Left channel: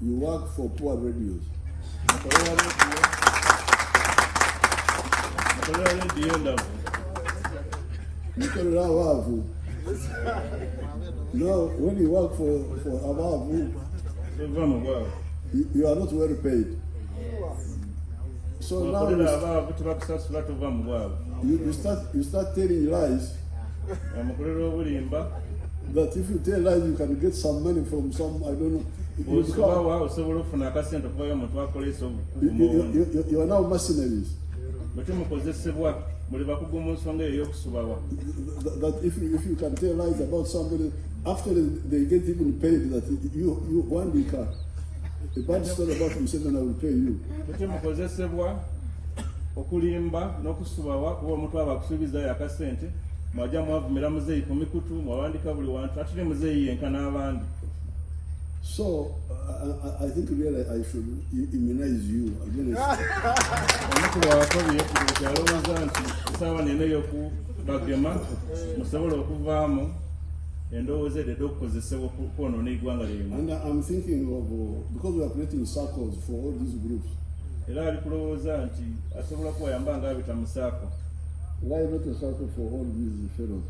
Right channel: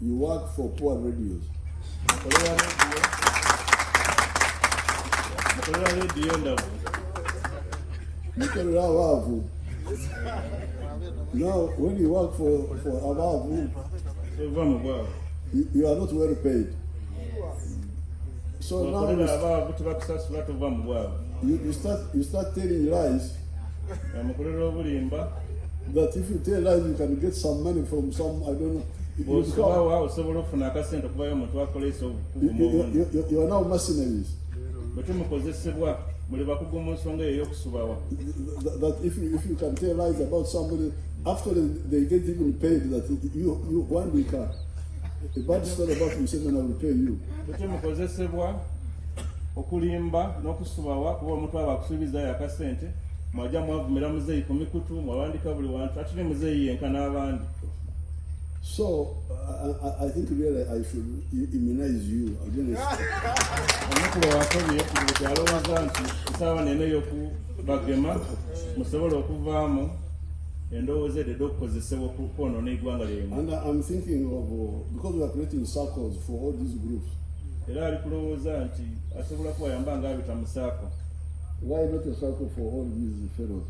You work for poor radios. Now, when you work for Abavu, you are not well paid. So now you start telling lies. That if you tell lies, you can get some money from some, I don't know. You are now mercenaries. That if you can tell lies about somebody, after they get even paid, that you 1 week, a bad story about himself and I will pay you. So I think really I should immunize you against and I'm thinking of, because we are creating circles for all these groups, why not a circle for all these fellows?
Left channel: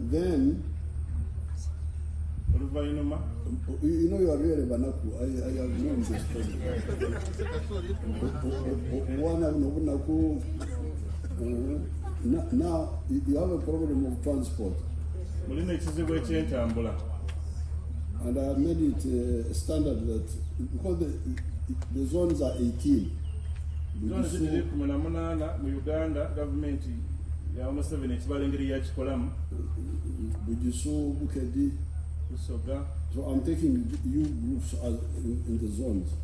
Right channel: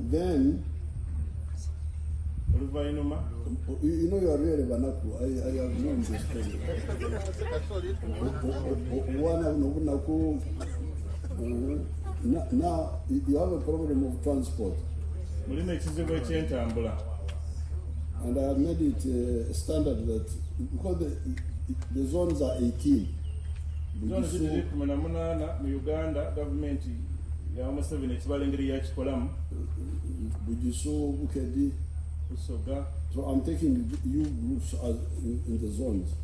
Then you know you are really Banaku. I have known this story. Now you have a problem of transport. And I have made it standard that because the zones are 18. So I'm taking you groups in the zones.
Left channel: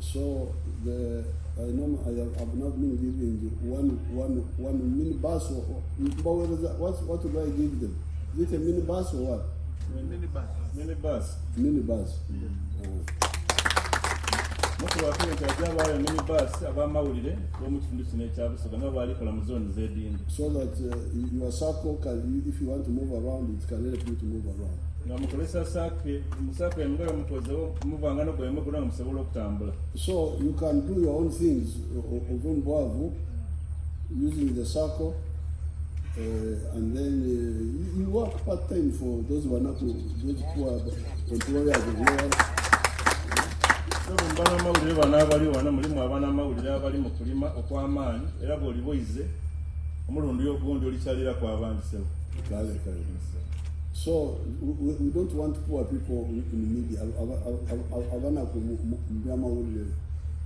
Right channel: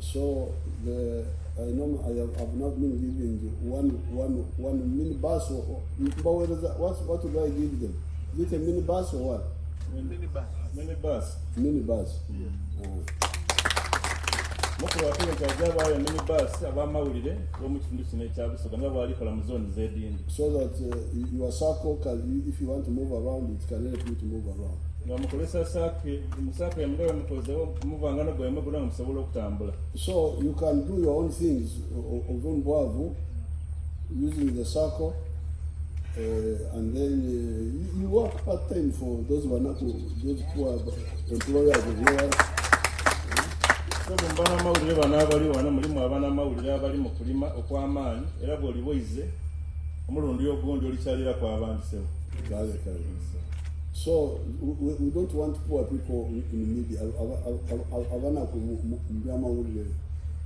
So I know I have not been giving one minibus or what do I give them? Is it a minibus or what? Minibus. So that your circle can, if you want to move around, it can help you to move around. So you can do your own things using the circle, and then you work part-time for those who are not those who are employers of yours. So we don't want poor people in the media.